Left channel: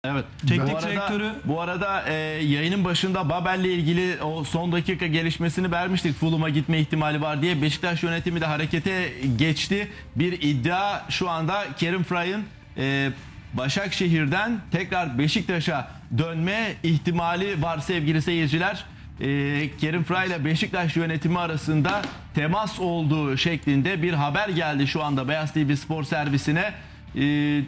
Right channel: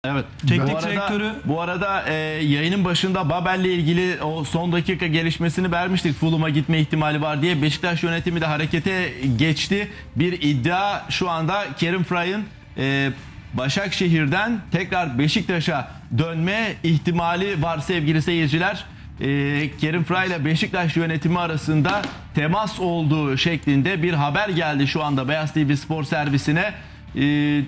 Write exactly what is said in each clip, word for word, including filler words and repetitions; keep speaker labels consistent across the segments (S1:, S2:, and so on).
S1: Evet.
S2: Teknik
S1: bu arada,
S2: direktörü...
S1: Bu arada e, yayının başında Babel'le ilgili o son dakika gelişmesini vermiştik. Fulham'a gitme ihtimali var diye. Beşiktaş yönetimi de harekete geçti. Bir iddia şu anda Kerim Fray'ın e, Başakşehir'den tekrar Beşiktaş'a dönme ihtimali var sevgili seyirciler. E, Kerim Fray ile Beşiktaş yönetimi arasında temas olduğu şeklinde bir haber geldi şu anda Beyaz T V Spor servisine. E,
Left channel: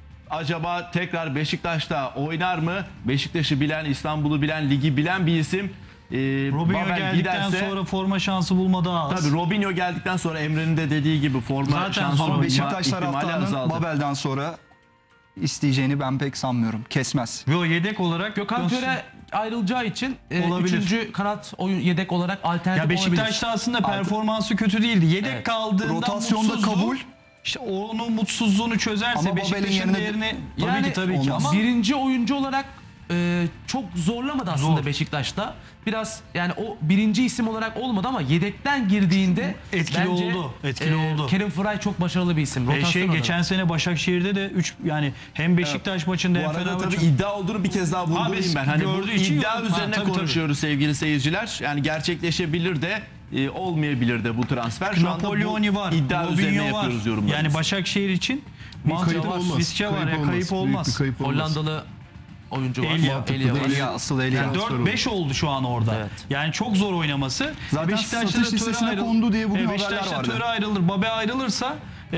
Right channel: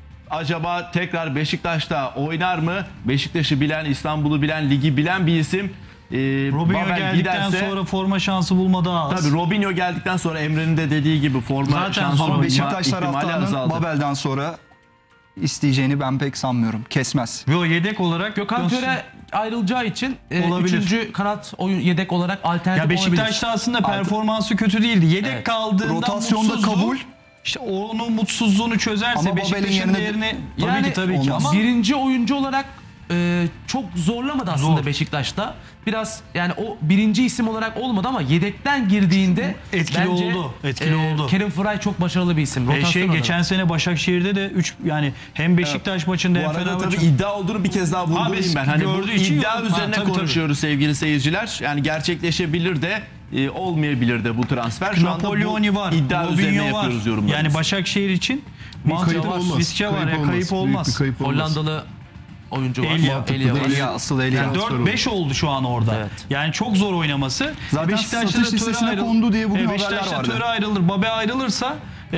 S1: Acaba tekrar Beşiktaş'ta oynar mı? Beşiktaş'ı bilen, İstanbul'u bilen, ligi bilen bir isim. Ee,
S2: Robinho
S1: Babel
S2: geldikten
S1: giderse,
S2: sonra forma şansı bulma daha az.
S1: tabii Robinho geldikten sonra Emre'nin de dediği gibi forma
S2: Zaten
S1: şansı
S2: ama
S1: bulma
S3: Beşiktaş
S1: ihtimali
S3: taraftarının
S1: azaldı.
S3: Babel'den sonra isteyeceğini ben pek sanmıyorum. Kesmez.
S2: Yo, yedek olarak
S4: Gökhan
S2: dönsün.
S4: Töre ayrılacağı için e,
S2: Olabilir.
S4: üçüncü kanat oyun yedek olarak alternatif
S2: Ya Beşiktaş'ta
S4: olabilir.
S2: aslında performansı kötü değildi. Yedek
S4: Evet.
S2: kaldığında
S3: Rotasyonda
S2: mutsuzdu.
S3: kabul.
S2: İşte onun mutsuzluğunu çözerse
S3: Ama Babel'in
S2: Beşiktaş'ın
S3: yerine-
S2: değerini tabii
S4: Yani
S2: ki tabii ki
S3: olmaz.
S2: ama
S4: birinci oyuncu olarak e, çok zorlamadı aslında
S2: Zor.
S4: Beşiktaş'ta. Biraz yani o birinci isim olarak olmadı ama yedekten girdiğinde
S2: Etkili
S4: bence,
S2: oldu, etkili oldu.
S4: Kerim Fıray çok başarılı bir isim.
S2: E,
S4: Rotasyon
S2: şey
S4: olarak.
S2: geçen sene Başakşehir'de de üç yani hem Beşiktaş maçında
S1: Bu
S2: hem
S1: arada tabii
S2: Fenerbahçe
S1: iddia olduğunu bir kez daha vurgulayayım
S2: Abi,
S1: ben. Hani bu
S2: gördüğü için
S1: iddia
S2: yorum-
S1: üzerine
S2: Ha, tabii,
S1: konuşuyoruz sevgili seyirciler. Yani gerçekleşebilir de e, olmayabilir de bu transfer. Şu anda
S2: Napoleoni
S1: bu
S2: var,
S1: iddia üzerine
S2: Robinho var.
S1: yapıyoruz yorumlarımızı.
S2: Yani Başakşehir için
S5: kayıp
S2: mantıklı
S5: olmaz.
S2: riske var ya, kayıp
S5: Büyük
S2: olmaz.
S5: bir kayıp olmaz.
S4: Hollandalı oyuncu var.
S2: Elia.
S4: Elia var.
S3: Elia, asıl Elia.
S2: Yani dört beş oldu şu an orada.
S4: Evet.
S2: Yani çok zor oynaması.
S3: Zaten
S2: Beşiktaş'ta
S3: satış
S2: da Töre
S3: listesine
S2: ayrıl-
S3: kondu diye bugün
S2: E,
S3: haberler
S2: Beşiktaş'ta
S3: vardı.
S2: Töre ayrılır, Babe ayrılırsa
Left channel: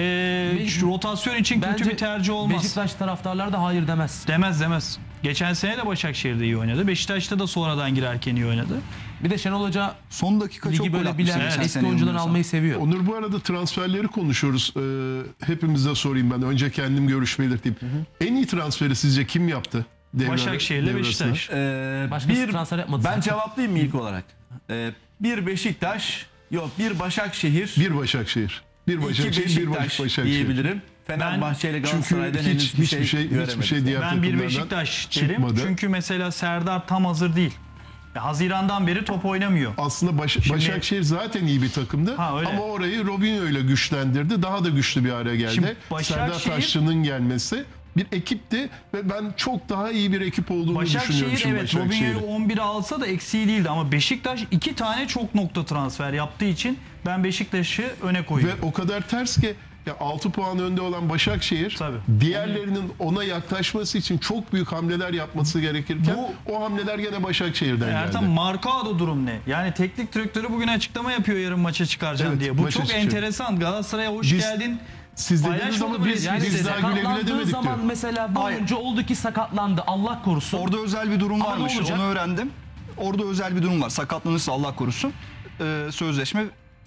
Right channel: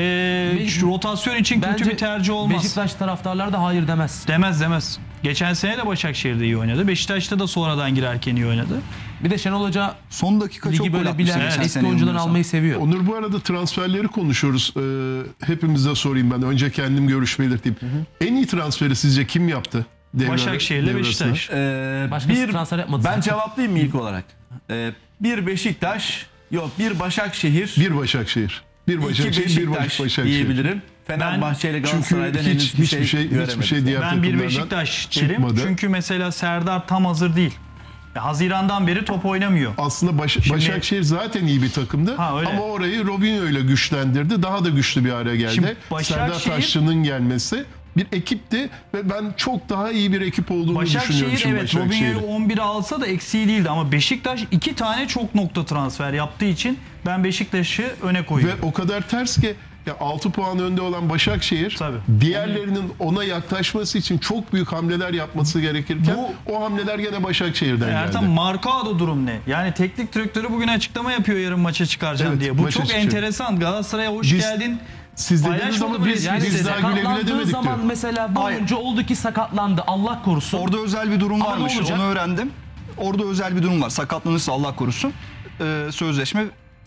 S2: e, şu rotasyon için kötü
S4: Bence
S2: bir tercih olmaz.
S4: Beşiktaş taraftarları da hayır demez.
S2: Demez demez. Geçen sene de Başakşehir'de iyi oynadı. Beşiktaş'ta da sonradan girerken iyi oynadı.
S4: Bir de Şenol Hoca
S3: Son dakika çok
S4: ligi
S3: gol
S4: böyle
S3: atmıştı
S4: bilen
S3: geçen
S4: eski
S3: sene
S4: oyuncuları
S3: yanılmıyorsam.
S4: almayı seviyor.
S5: Onur, bu arada transferleri konuşuyoruz. Ee, hepimize sorayım ben. Önce kendim görüş belirteyim. En iyi transferi sizce kim yaptı? Devre,
S2: Başakşehir'le
S5: devre
S2: Beşiktaş.
S5: arasında?
S1: Ee,
S4: Başkası
S1: bir,
S4: transfer yapmadı
S1: ben
S4: zaten.
S1: cevaplayayım mı ilk olarak? Ee, bir Beşiktaş, yok bir Başakşehir,
S5: Bir Başakşehir. Bir
S1: iki
S5: Başakşehir, bir
S1: Beşiktaş
S5: Başakşehir.
S1: diyebilirim. Fenerbahçe ile
S5: Çünkü
S1: Galatasaray'dan
S5: hiç,
S1: henüz bir
S5: hiçbir
S1: şey,
S5: şey, hiçbir
S1: göremedik.
S5: şey diğer
S2: Ben bir
S5: takımlardan
S2: Beşiktaş derim.
S5: çıkmadı.
S2: Çünkü mesela Serdar tam hazır değil. Ya, Haziran'dan beri top oynamıyor.
S5: Aslında Baş-
S2: Şimdi-
S5: Başakşehir zaten iyi bir takımdı.
S2: Ha, öyle.
S5: Ama orayı Robinho ile güçlendirdi. Daha da güçlü bir hale geldi.
S2: Şimdi Başakşehir-
S5: Serdar Taşçı'nın gelmesi bir ekipti ve ben çok daha iyi bir ekip olduğunu düşünüyorum
S2: Başakşehir
S5: şimdi
S2: evet
S5: Başakşehir'i.
S2: Robinho'yu on bire alsa da eksiği değildi ama Beşiktaş iki tane çok nokta transfer yaptığı için ben Beşiktaş'ı öne koyuyorum.
S5: Ve o kadar ters ki ya altı puan önde olan Başakşehir
S2: Tabii.
S5: diğerlerinin ona yaklaşması için çok büyük hamleler yapması gerekirken o hamleler gene Başakşehir'den
S2: Ertan,
S5: geldi.
S2: Marcao'da durum ne? Yani teknik direktörü bugün açıklama yapıyor yarın maça çıkaracağım
S5: Evet,
S2: diye. Bu
S5: maça
S2: çok
S5: çıkacak.
S2: enteresan. Galatasaray'a hoş
S5: Biz-
S2: geldin.
S5: Siz dediğiniz
S2: Paylaşmadı
S5: ama
S2: bile.
S5: biz,
S2: Yani
S5: biz daha güle güle
S4: sakatlandığı
S5: demedik
S4: zaman
S5: diyor.
S4: mesela bu
S3: Hayır.
S4: oyuncu oldu ki sakatlandı. Allah korusun.
S3: Orada özel bir durum
S4: Ama ne
S3: varmış.
S4: olacak?
S3: Onu öğrendim. Orada özel bir durum var. Sakatlanırsa Allah korusun. Ee, sözleşme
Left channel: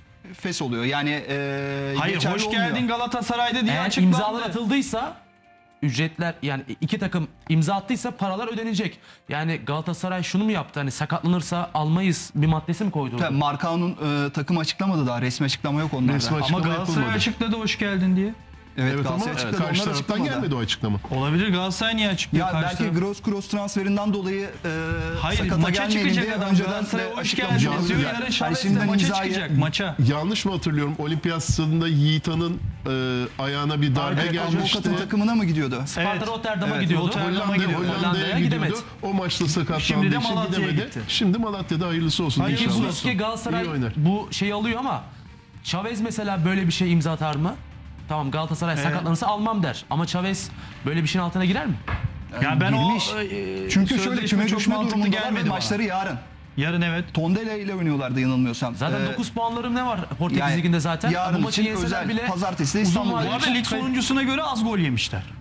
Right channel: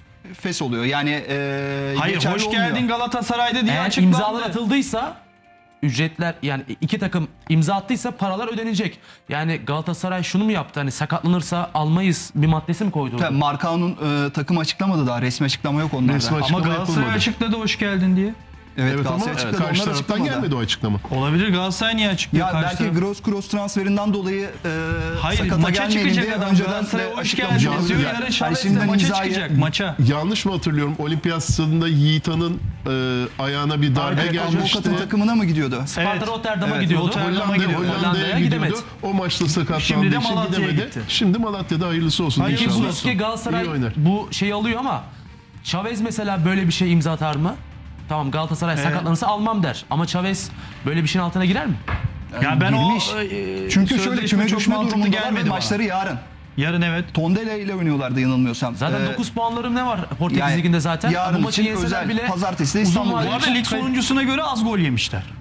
S3: fes oluyor. Yani e,
S2: Hayır
S3: geçerli
S2: hoş
S3: olmuyor.
S2: geldin Galatasaray'da diye
S4: Eğer
S2: açıklandı.
S4: imzalar atıldıysa ücretler, yani iki takım imza attıysa paralar ödenecek. Yani Galatasaray şunu mu yaptı? Hani sakatlanırsa almayız bir maddesi mi koydu?
S3: Tabii, Marcao'nun e, takım açıklamadı daha. Resmi açıklama yok onlarda.
S5: Resmi
S2: Ama
S5: açıklama
S2: Galatasaray
S5: yapılmadı.
S2: açıkladı hoş geldin diye.
S3: Evet,
S5: Evet ama
S3: Galatasaray açıkladı.
S5: karşı
S3: Onlar
S5: taraftan
S3: açıklamadı.
S5: gelmedi o açıklama.
S2: Olabilir, Galatasaray niye açıklıyor
S3: Ya
S2: karşı
S3: belki
S2: taraf?
S3: Gross Cross transferinden dolayı e,
S2: Hayır
S3: sakata
S2: maça
S3: gelmeyelim
S2: çıkacak
S3: diye
S2: adam.
S3: önceden
S2: Galatasaray
S3: de
S2: hoş
S3: açıklamış
S2: geldin
S3: oldu.
S2: yazıyor.
S3: Yani
S2: Yarın Chavez'le
S3: şimdiden
S2: maça
S3: imzayı-
S2: çıkacak maça.
S5: Yanlış mı hatırlıyorum? Olimpiyat stadında Yiğita'nın e, ayağına bir darbe
S2: Evet,
S5: gelmişti.
S3: Avukatın takımına mı gidiyordu?
S4: Sparta
S2: Evet.
S4: Rotterdam'a
S2: Evet,
S4: gidiyordu.
S2: Rotterdam'a
S5: Hollanda,
S2: gidiyor.
S5: Hollanda'ya,
S4: Hollanda'ya
S5: gidiyordu.
S4: gidemedi.
S5: O maçta sakatlandığı
S2: Şimdi de
S5: için
S2: Malatya'ya
S5: gidemedi.
S2: gitti.
S5: Şimdi Malatya'da hayırlısı olsun
S2: Hayır,
S5: inşallah.
S4: Buski Galatasaray
S5: İyi oynar.
S4: bu şeyi alıyor ama Chavez mesela böyle bir şey imza atar mı? Tamam, Galatasaray sakatlanırsa almam der. Ama Chavez böyle bir şeyin altına girer mi?
S2: Ya ben
S3: girmiş.
S2: o e,
S3: Çünkü şöyle
S2: sözleşme
S3: küme
S2: çok
S3: düşme
S2: mantıklı
S3: durumunda gelmedi
S2: gelmedi bana.
S3: maçları yarın.
S2: Yarın evet.
S3: Tondela ile oynuyorlardı yanılmıyorsam.
S4: Zaten
S3: Ee,
S4: dokuz puanlarım ne var Portekiz
S3: yani
S4: Ligi'nde zaten?
S3: yarın
S4: Bu maçı
S3: için
S4: yenseler
S3: özel.
S4: bile
S3: Pazartesi de
S4: uzun
S3: İstanbul'da.
S4: vadeli
S2: Bu arada lig
S4: kay-
S2: sonuncusuna göre az gol yemişler.